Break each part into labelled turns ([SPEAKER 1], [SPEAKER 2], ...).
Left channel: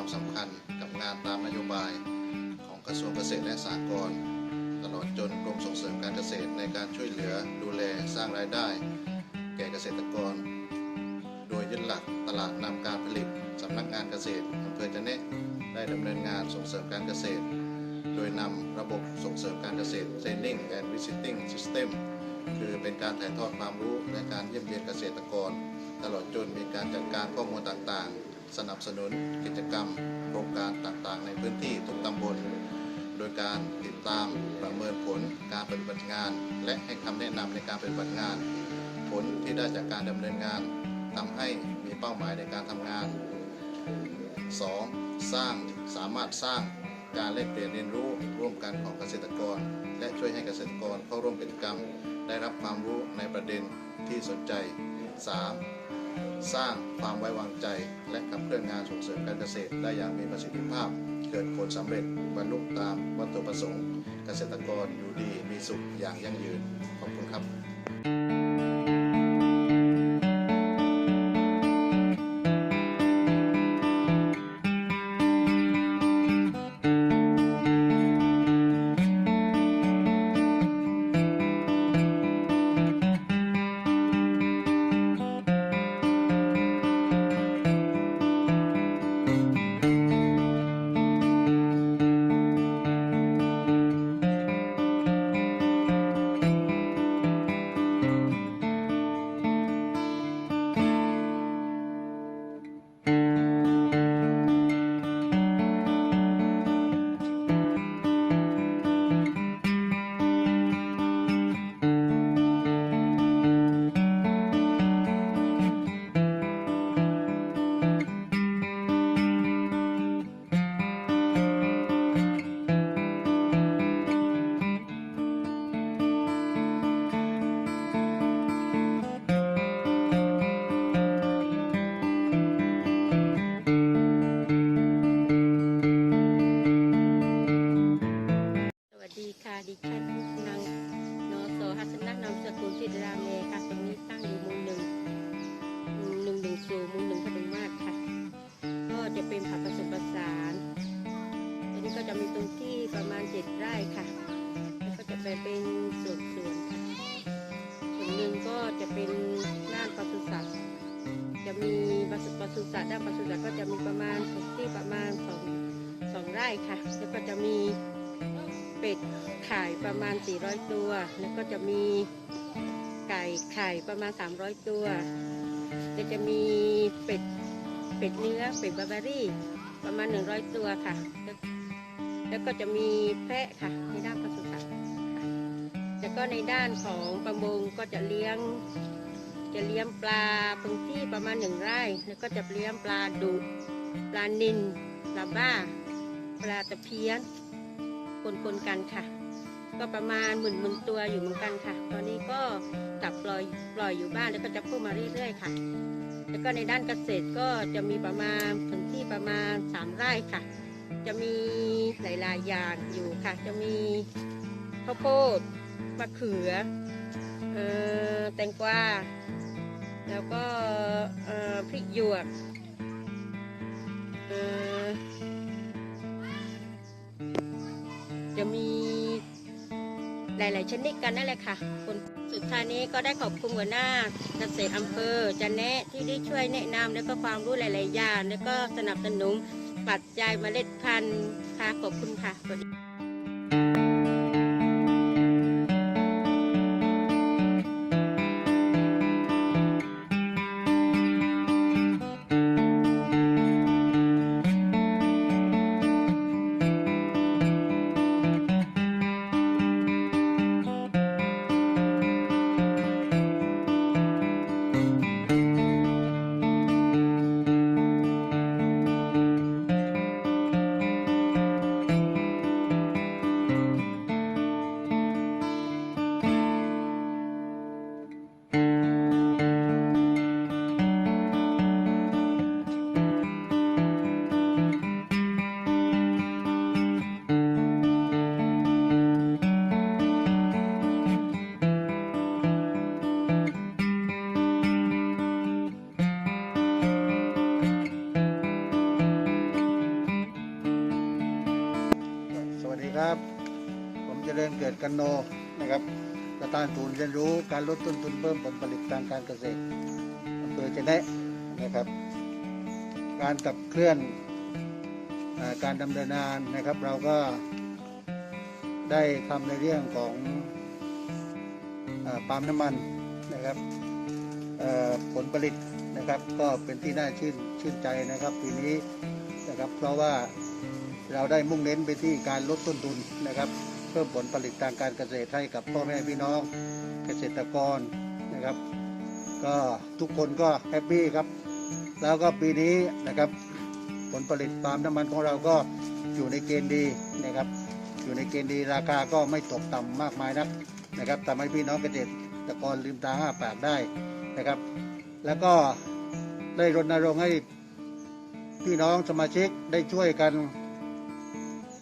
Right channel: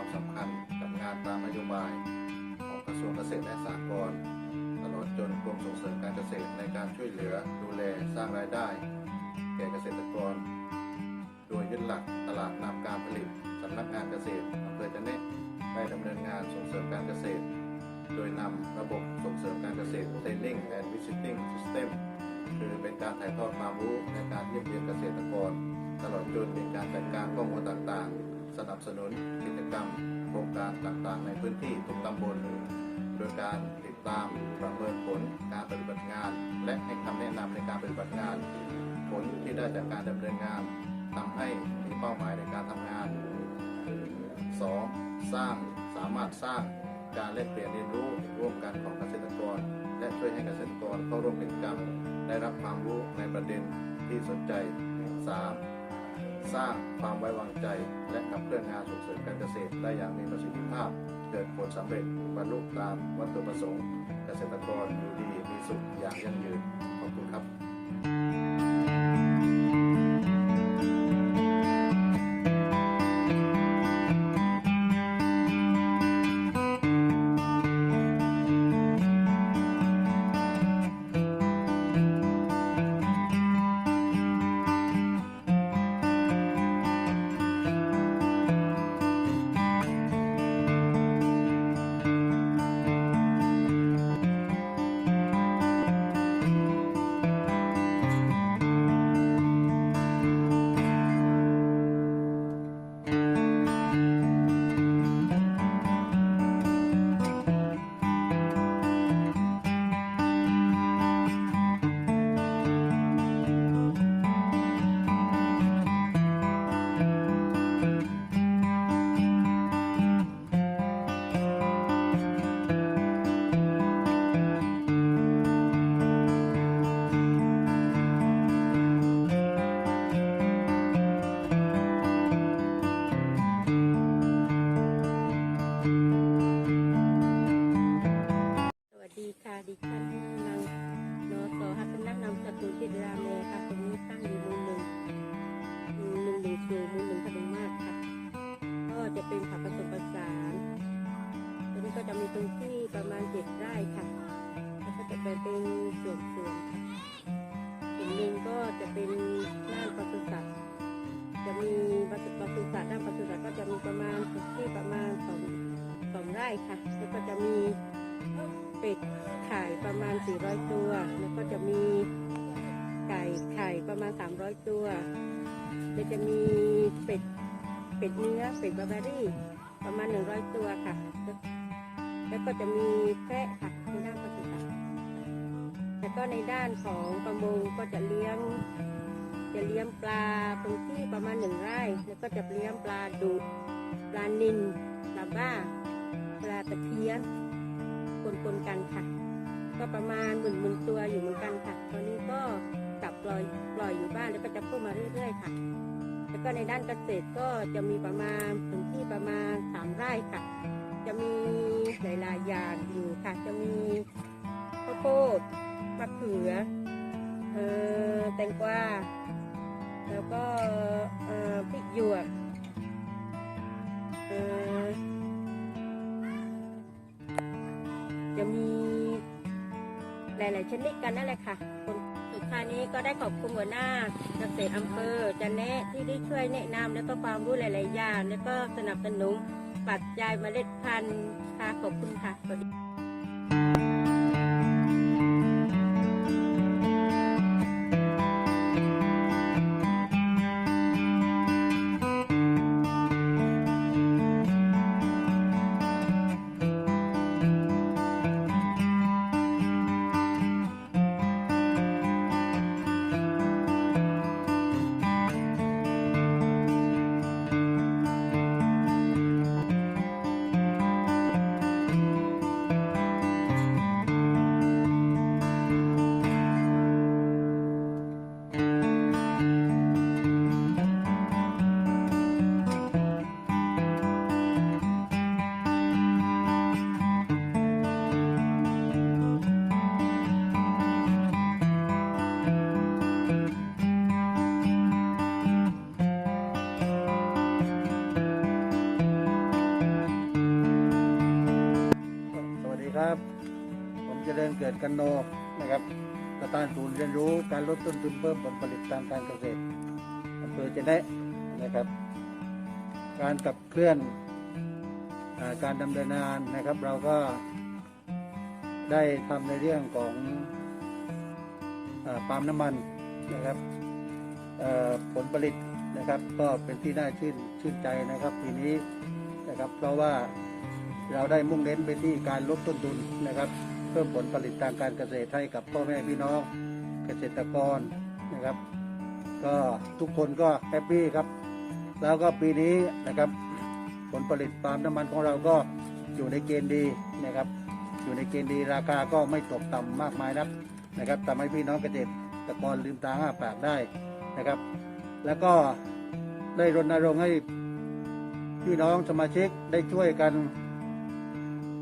[SPEAKER 1] ความสำคัญกับงานตามนโยบายของกระทรวงเกษตรและสหกรณ์ตลอดจนกรมส่งเสริมการเกษตรในการช่วยเหลือดูแลสร้างรายได้ แก่เกษตรกร โดยยึดหลักตลาดนำการผลิตสำนักงานเกษตรอำเภอจะแนะได้ดำเนินงานส่งเสริมการเกษตร โดยนำระบบส่งเสริมการเกษตร Training and Visiting System คือเป็นการถ่ายทอดความรู้และการเยี่ยมเยียนเกษตรกร ตลอดจนมีการจัดการข้อมูลต่างๆ สนับสนุนกิจกรรม โครงการต่างๆ ในพื้นที่ทุกตำบล โดยการติดตามประเมินผลการปฏิบัติงาน และให้คำแนะนำในการปฏิบัติงาน ผลที่ได้จากการดำเนินงานทำให้มีเป้าหมายในการทำงาน 2. สร้างสามารถสร้างการแลกเปลี่ยนเรียนรู้ร่วมกันของเกษตรกร และช่วยให้เกษตรกรเข้าร่วมกิจกรรม ได้รับความรู้ในประเด็นที่สนใจ 3. สร้างความไว้วางใจ และขับเคลื่อนงานส่งเสริมการเกษตร ได้อย่างมีประสิทธิภาพ เกิดผลสำเร็จบรรลุตามวัตถุประสงค์ เกษตรกรอยู่ดีมีสุขอย่างยั่งยืน ขอบคุณครับ
[SPEAKER 2] ค่ะดิฉันนางนอสหัสนักนามสกุลจิตรามเลค่ะตรงนี้ตั้งอยู่หมู่หนึ่งหนึ่งหนึ่งสูหมู่หนึ่งพดุงมาศค่ะ ก็จะเป็นผักผสมผสานตรงนี้ก็จะมีพื้นที่ประมาณเจ็ดไร่ค่ะ แล้วก็จะแบ่งเป็นส่วนๆค่ะ ส่วนหนึ่งก็จะเป็นด้านปศุสัตว์จะมีปศุปศุสัตว์ด้านปศุสัตว์ก็จะมีประมาณพื้นที่ประมาณสองสองไร่ค่ะ แล้วก็จะมี เป็ดไข่ประมาณ 400 ตัว แล้วก็จะมีไก่ไข่ประมาณ 300 ตัว แล้วจะมีเป็ดเป็ดเนื้อเป็ดบาร์บารี่ประมาณ 100 ตัวค่ะแล้วแล้วก็จะมีแพะค่ะในด้านปศุสัตว์แล้วก็ในด้านของประมงก็จะเลี้ยงจะเลี้ยงปลาพื้นที่ประมาณหนึ่งไร่ แล้วก็จะเลี้ยงปลาดุ ปลานิลปลาบ้า ปลาตะเพียน ปนๆกันค่ะ ก็ประมาณหมื่นหมื่นตัวอยู่เหมือนกันค่ะ ตอนนี้ก็จับปล่อยปล่อยอยู่บ้านแล้วก็จะเพิ่มมาเรื่อยๆค่ะ แล้วก็ในด้านเกษตรก็จะมีประมาณพื้นที่ประมาณสามไร่ค่ะ จะมีหลายๆอย่างอยู่ค่ะ จะมีข้าวโพดมะเขือเอ่อแตงกวาแล้วก็เอ่อพริกหยวกเอ่อ จะมีหลาย ๆ ชนิดกันนั่นแหละค่ะคนสุดท้ายนี้ก็ได้ขอบคุณหัวหน้าเกษตรอำเภอจันแนะที่ได้ช่วยแนะนำและก็ความรู้หลาย ๆ อย่าง และก็สนับสนุนปัจจัยเมล็ดพันธุ์ค่ะขอบคุณค่ะสวัสดี
[SPEAKER 3] ครับ ผมเจริญเกิดกันโนนะครับประธานศูนย์เรียนรู้การลดต้นทุนเพิ่มผลผลิตทางการเกษตรอำเภอเจเนะนะครับ การขับเคลื่อนอการดำเนินงานนะครับ เราก็ได้ทำในเรื่องของอปาล์มน้ำมันนะครับผลผลิตนะครับ ก็เป็นที่น่าชื่นชื่นใจนะครับปีนี้นะครับ เพราะว่า เราได้มุ่งเน้นไปที่การลดต้นทุนนะครับ เพิ่มผลผลิตทางการเกษตรให้กับพ่อแม่พี่น้องเกษตรกรนะครับ ก็ทุกคนก็แฮปปี้ครับ แล้วก็ปีนี้นะครับ ผลผลิตปาล์มน้ำมันของเราก็อยู่ในเกณฑ์ดีนะครับ อยู่ในเกณฑ์ดีราคาก็ไม่ตกต่ำมากมายนักนะครับทำให้พี่น้องเกษตรกรลืมตาอ้าปากได้นะครับ แล้วก็ได้รณรงค์ให้พี่น้องสมาชิกได้ช่วยกัน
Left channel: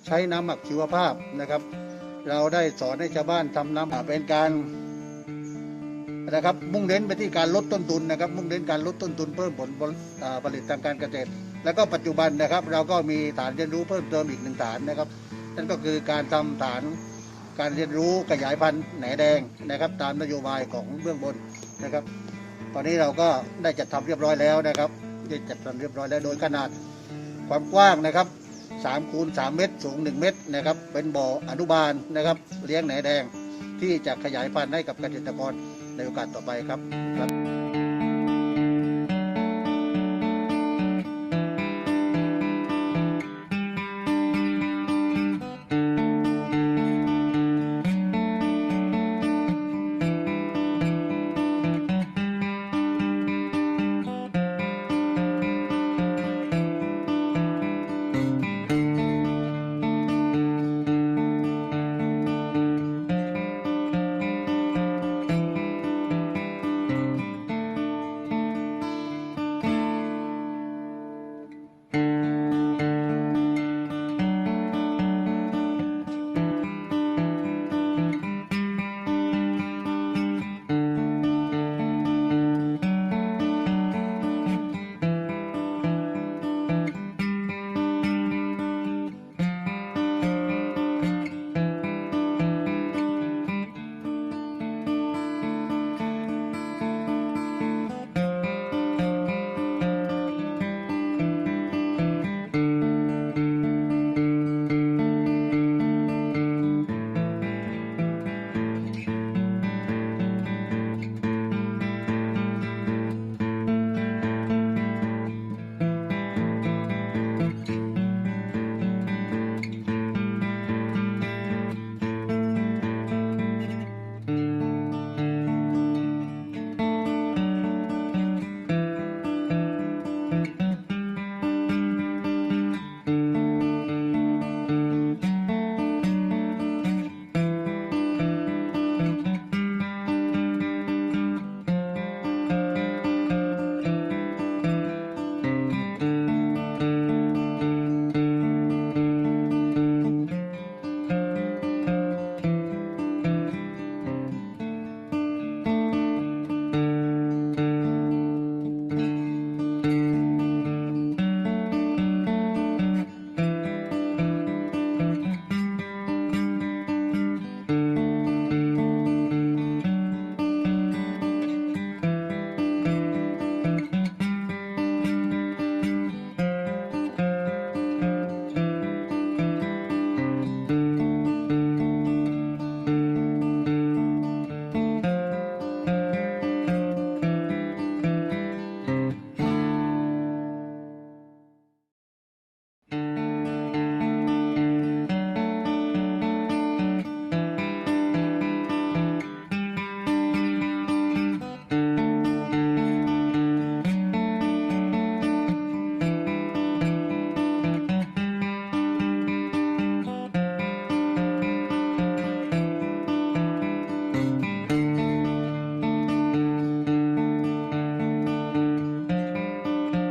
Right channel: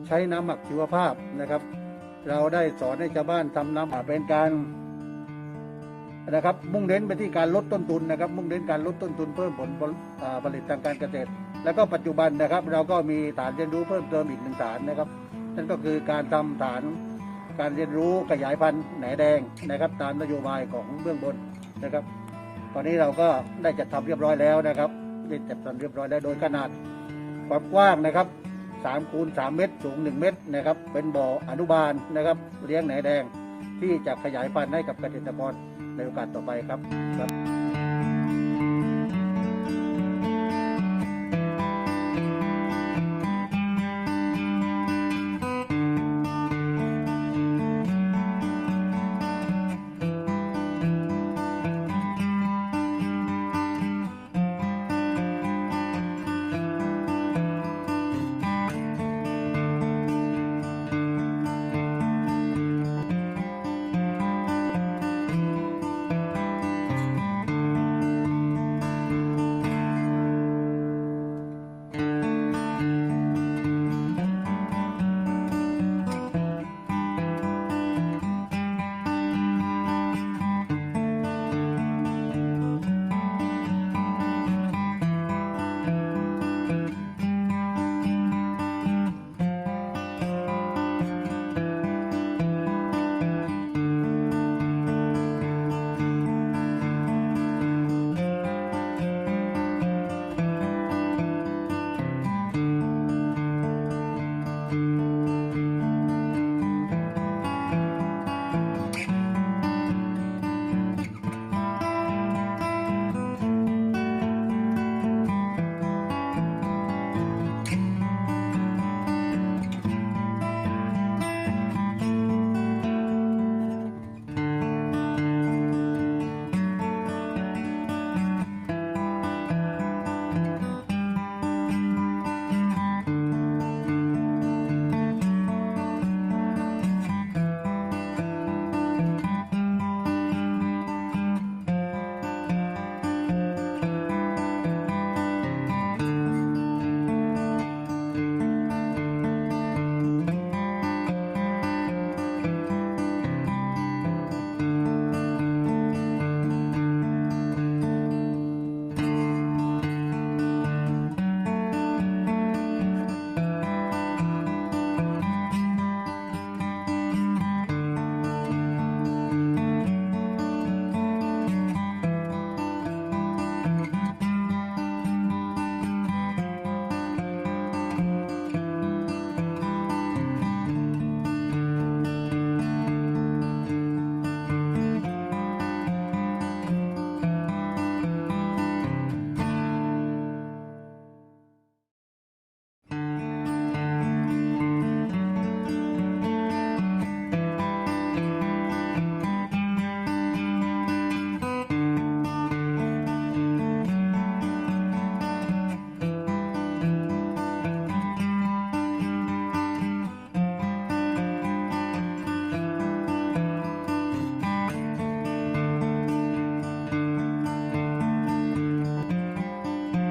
[SPEAKER 3] ใช้น้ำหมักชีวภาพนะครับ เราได้สอนให้ชาวบ้านทำน้ำเป็นการนะครับ มุ่งเน้นไปที่การลดต้นทุนนะครับ มุ่งเน้นการลดต้นทุนเพิ่มผลผลิตทางการเกษตร แล้วก็ปัจจุบันนะครับ เราก็มีฐานเรียนรู้เพิ่มเติมอีกหนึ่งฐานนะครับ นั่นก็คือการทำฐานการเรียนรู้ขยายพันธุ์แหนแดงนะครับ ตามนโยบายของเบื้องบนนะครับ ตอนนี้เราก็ได้จัดทำเรียบร้อยแล้วนะครับ ได้จัดทำเรียบร้อยแล้วโดยขนาดความกว้างนะครับ 3คูณ3เมตร สูง 1 เมตรนะครับ เป็นบ่ออนุบาลนะครับ เลี้ยงไหนแดงที่จะขยายพันธุ์ให้กับเกษตรกรในโอกาสต่อไปครับครับ